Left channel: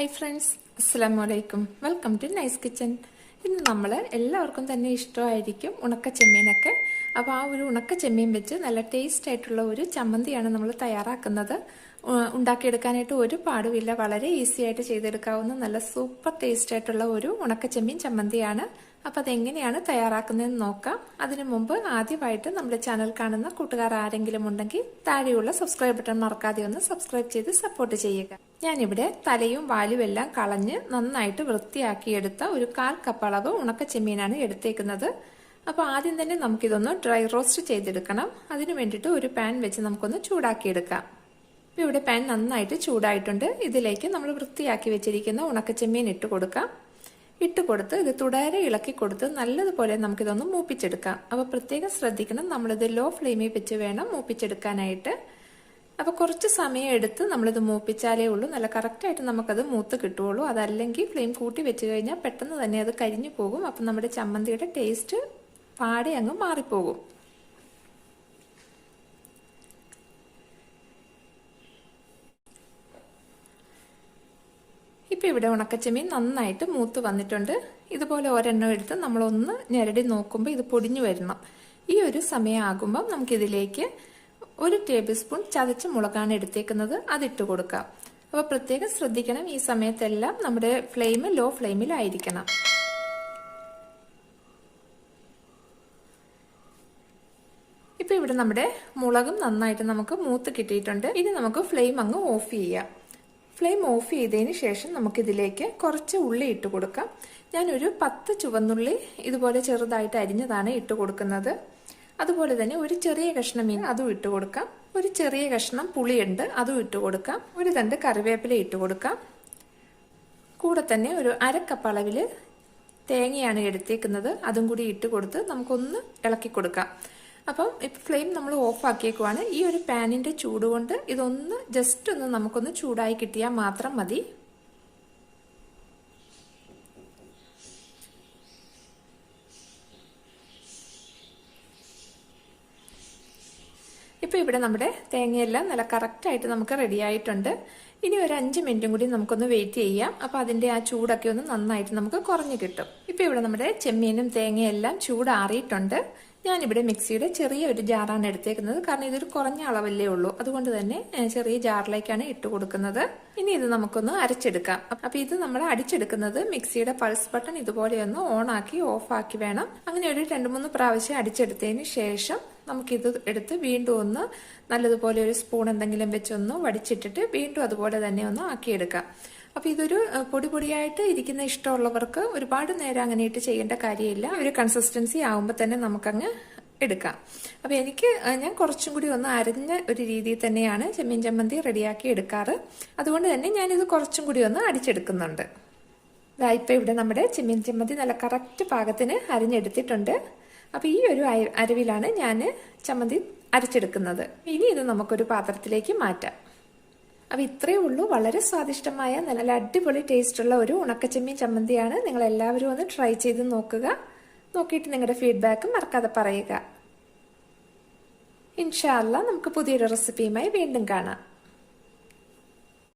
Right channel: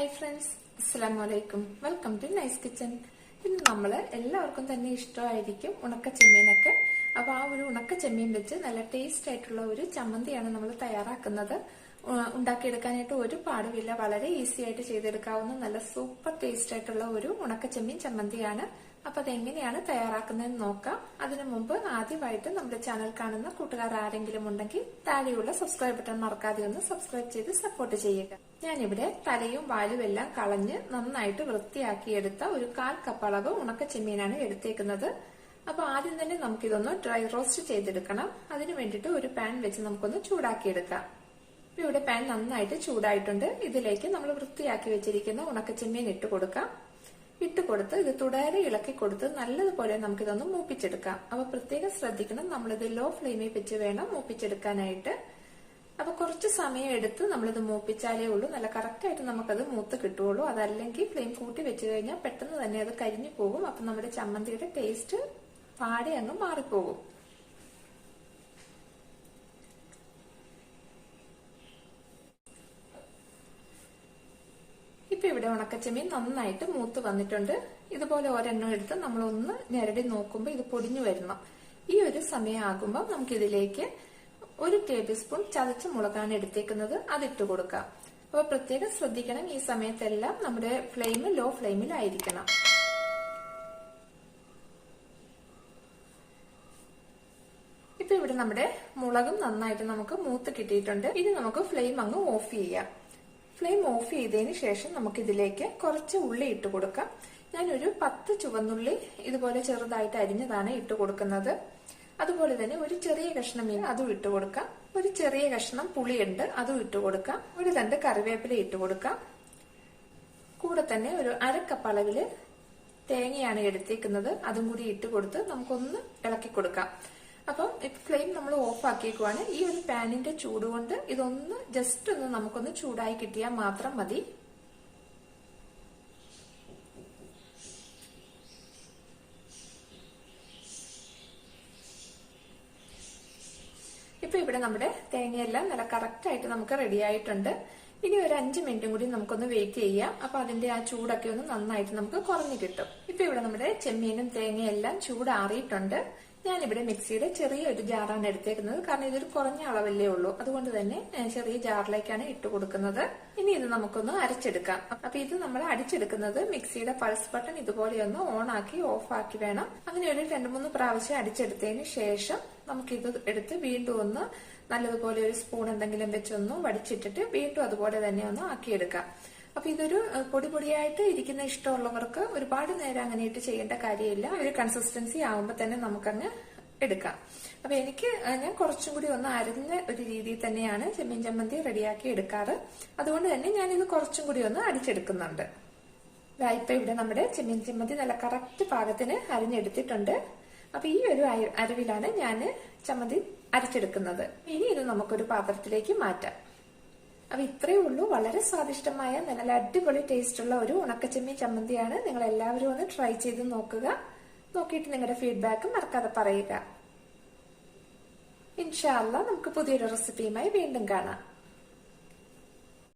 Hi friends അസ്സാം വലൈക്കും welcome to nice kitchen ഇന്ന് നമ്മൾ എല്ലാവർക്കും തന്നെ ഇഷ്ടമായിരിക്കും ഉണക്ക ചെമ്മീനൊക്കെ അപ്പോൾ ആ ഒരു ഉണക്ക ചെമ്മീൻ വെച്ച് നല്ല ടേസ്റ്റ് ആയിട്ടുള്ള ഒരു ചമ്മന്തിയാണ് നമ്മൾ തയ്യാറാക്കുന്നത്. ഉണ്ടാക്കിയെടുക്കാനായിട്ട് ഒരു പാടുമില്ല വളരെ ഈസി ആയിട്ട് ചെയ്തെടുക്കാവുന്ന നല്ല സൂപ്പർ ടേസ്റ്റ് ആയിട്ടുള്ള ഒരു ഉണക്ക ചെമ്മീൻ ചമ്മന്തിയാണ്. അപ്പൊ അതെങ്ങനെയാണ് തയ്യാറാക്കുന്നതെന്ന് നോക്കാം. അതിനു മുമ്പ് ആദ്യമായിട്ട് നമ്മുടെ ചാനൽ കാണുന്ന കൂട്ടുകാർ ആരെങ്കിലും ഉണ്ടെങ്കിൽ താഴെയുള്ള സബ്സ്ക്രൈബ് ബട്ടൺ മറക്കാതെ ഒന്ന് സബ്സ്ക്രൈബ് ചെയ്ത് സപ്പോർട്ട് ചെയ്യുക. ഞാനിവിടെ തലയും വാലും എല്ലാം കളഞ്ഞ് നന്നായിട്ട് വൃത്തിയാക്കിയെടുത്ത ഒരു കാൽ കപ്പ് അളവ് ഉണക്ക ചെമ്മീനാണ് എടുത്തേക്കുന്നത്. അപ്പോൾ ആദ്യം തന്നെ നമുക്കിതൊന്ന് ഡ്രൈ റോസ്റ്റ് ചെയ്തെടുക്കണം. അതിനു വേണ്ടിയിട്ട് ഒരു പാൻ വെച്ച് നമുക്കൊന്ന് ചൂടാക്കിയെടുക്കാം. ഇവിടെ പാൻ നന്നായിട്ട് ചൂടായിട്ടുണ്ട്. ഇതിലേക്ക് നമ്മൾ വൃത്തിയാക്കി വെച്ചിരിക്കുന്ന ഉണക്കച്ചെമ്മീൻ ഇട്ട് കൊടുക്കാം. ഇട്ട് കൊടുത്ത് ഇത് തുടരെ ഇളക്കി കൊടുത്ത് നല്ലതുപോലെ നമുക്കിതൊന്ന് മൂപ്പിച്ചെടുക്കാം. അപ്പൊ പ്രത്യേകം ശ്രദ്ധിക്കണം നമ്മളിത് ലോ ഫ്ലെയിമിൽ വെച്ച് വേണം മൂപ്പിച്ചെടുക്കാനായിട്ട്. അപ്പൊ കുറച്ച് സമയം എടുത്ത് നമ്മളിത് മൂപ്പിച്ചാലേ ഉള്ളൂ. നല്ല കറക്റ്റായിട്ട് നമുക്കത് മൂത്ത് കിട്ടുള്ളൂ അതല്ലെങ്കിൽ ഫ്ലെയിം കൂട്ടി വെച്ച് കഴിഞ്ഞാൽ പെട്ടെന്ന് തന്നെ അത് കരിഞ്ഞു പോകും. അപ്പൊ നമ്മുടെ ചമ്മന്തിയുടെ ടേസ്റ്റ് പാടി അങ്ങ് മാറിപ്പോകും. ഇപ്പൊ ഇവിടെ ഉണക്കച്ചെമ്മീൻ നന്നായിട്ട് മൂത്ത് വന്നിട്ടുണ്ട്. ഇതുപോലെ ഒരെണ്ണം എടുത്ത് നമ്മളൊന്ന് ഞെരടി നോക്കുമ്പോൾ ഇത് പൊടിഞ്ഞു വരണം. ഈ ഒരു സമയമാകുമ്പോൾ നമുക്കിതിലേക്ക് ഒരു ടേബിൾ സ്പൂൺ ചതച്ച മുളകാണ് എടുത്തേക്കുന്നത്. അതിട്ട് കൊടുക്കാം. അപ്പോൾ പ്രത്യേകം ശ്രദ്ധിക്കണം ഈ സമയത്തെല്ലാം നമ്മുടെ ഫ്ലെയിം ലോ ഫ്ലെയിമിലായിരിക്കണം. ഇപ്പൊ ഇവിടെ നമ്മുടെ മുളകും നന്നായിട്ട് നമുക്ക് മൂത്ത് കിട്ടിയിട്ടുണ്ട്. ഇനി നമുക്ക് ഫ്ലെയിം അങ്ങ് ഓഫ് ചെയ്യാം. ഫ്ലെയിം ഓഫ് ചെയ്തതിന് ശേഷം നമുക്കിതിലേക്ക് കുറച്ച് ഉള്ളി ഇട്ട് കൊടുക്കാം. ഞാനൊരു പത്ത് ചുവന്നുള്ളി ഇതുപോലെ ചെറുതായിട്ട് അരിഞ്ഞതാണ് ഇട്ട് കൊടുക്കുന്നത്. അതുപോലെ തന്നെ ഒരു ചെറിയ കഷ്ണം മീൻ അതും ഇട്ട് കൊടുക്കാം. ഒരു ചെറിയ കഷ്ണം പുളിയുണ്ട് അതും ഇട്ട് കൊടുക്കാം. ഒരു തണ്ട് കറിവേപ്പില ഇട്ട് കൊടുക്കാം. കൂടെ തന്നെ ഒരു അരക്കപ്പ് അളവിൽ തേങ്ങയാണ് എടുത്തേക്കുന്നത്. അതും കൂടി ഇട്ട് കൊടുത്ത് നമുക്കൊന്ന് ഇളക്കി കൊടുക്കാം. അപ്പം ഇപ്പം ഫ്ലെയിം നമ്മൾ ഓഫ് ആക്കിയേക്കുവാണ്. ഈ ഒരു പാനിന്റെ ചൂട് കൊണ്ട് ഇതൊന്ന് ജസ്റ്റ് ഒന്ന് നമുക്കൊന്ന് ചൂടായി കിട്ടിയാൽ മാത്രം മതി. ഇപ്പൊ ഇവിടെ നമ്മുടെ തേങ്ങയെല്ലാം നല്ല കറക്റ്റ് ആയിട്ട് നമുക്ക് റെഡി ആയിട്ടുണ്ട്. ഇനി ഒരു അഞ്ച് മിനിറ്റും കൂടി നമുക്കൊന്ന് വെയിറ്റ് ചെയ്യാം. അപ്പൊ അതിന്റെ ആ ചൂടൊക്കെ ഒന്ന് നന്നായിട്ട് നമുക്ക് കുറഞ്ഞു കിട്ടും. ഇപ്പൊ ഇവിടെ നമ്മുടെ ചെമ്മീനും തേങ്ങയെല്ലാം ചൂടാറിയിട്ടുണ്ട്. ഞാനിവിടെ മിക്സിയുടെ ചെറിയ ഒരു ജാറാണ് എടുത്തേക്കുന്നത്. കാരണം ഇതൊരു കുറഞ്ഞ അളവല്ലേ ഉള്ളൂ. അതുകൊണ്ട് തന്നെ ചെറിയ ജാറിലേക്കാണ് ഇട്ട് കൊടുക്കുന്നത്. ഇനി ഇത് നമുക്കൊന്ന് അരച്ചെടുക്കാം. അപ്പൊ ഇത് നമ്മൾ അടിച്ചെടുക്കുന്നത് മിക്സിയുടെ പൾസ് ബട്ടൺ ഇതുപോലെ ഒന്ന് ഓൺ ആക്കി ഓഫ് ആക്കി വേണം. അങ്ങനെ ഒരു രണ്ട് മൂന്ന് പ്രാവശ്യം അടിച്ചെടുത്തതിന് ശേഷം നമുക്കിത് എടുത്ത് വീണ്ടും ഒന്ന് നല്ലതുപോലെ ഒരു സ്പൂൺ എന്തെങ്കിലും വെച്ചൊന്ന് വടിച്ചിട്ടിട്ട് വീണ്ടും അതുപോലെ തന്നെ ഒന്ന് ആക്കിയെടുക്കാം. അപ്പൊ ഇതൊരു പൊടി പൊടിയായിട്ട് ഇരിക്കുന്ന ഇഷ്ടമുള്ളവർക്ക് ഒരുപാട് നേരം അങ്ങനെ ഇട്ട് ചെയ്യേണ്ട കാര്യമില്ല. ഒരു കൺസിസ്റ്റൻസി ആവുമ്പോൾ തന്നെ നമുക്കങ്ങ് എടുക്കാം. അപ്പൊ എനിക്ക് ഞാൻ കുറച്ചും കൂടി ഒന്ന് അരഞ്ഞ ഒരു രീതിയിൽ തന്നെയാണ് ചെമ്മീൻ ചമ്മന്തി റെഡിയാക്കി എടുക്കാറ്. അതുകൊണ്ട് തന്നെ ഞാനിത് കുറച്ചും കൂടി ഒന്ന് അടിച്ചെടുക്കുന്നുണ്ട്. ഇപ്പൊ ഇവിടെ നമ്മുടെ ചെമ്മീൻ ചമ്മന്തി നല്ല കറക്റ്റ് പാകത്തിന് അരിഞ്ഞെടുത്തിട്ടുണ്ട്. അപ്പൊ ഈ ഒരു അരവിലാണ് ഞാൻ ചമ്മന്തി അരച്ചെടുക്കുന്നത്. ഇനി ഇത് നമുക്കൊരു പാത്രത്തിലേക്ക് മാറ്റാം. അപ്പൊ ഇത്രയേ ഉള്ളൂ. വളരെ സ്വാദിഷ്ടമായ നല്ല അടിപൊളി ടേസ്റ്റ് ഉള്ള ഒരു ഉണക്കച്ചെമ്മീൻ ചമ്മന്തിയാണ്. നിങ്ങൾ എല്ലാവരും ഒന്ന് ട്രൈ ചെയ്ത് നോക്കുക. നോക്കിയിട്ട് നിങ്ങളുടെ ഫീഡ്ബാക്ക് മറക്കാതെ പറയുക. ഇൻഷാല്ല നമുക്ക് പുതിയൊരു റെസിപ്പിയുമായി വീണ്ടും കാണാം.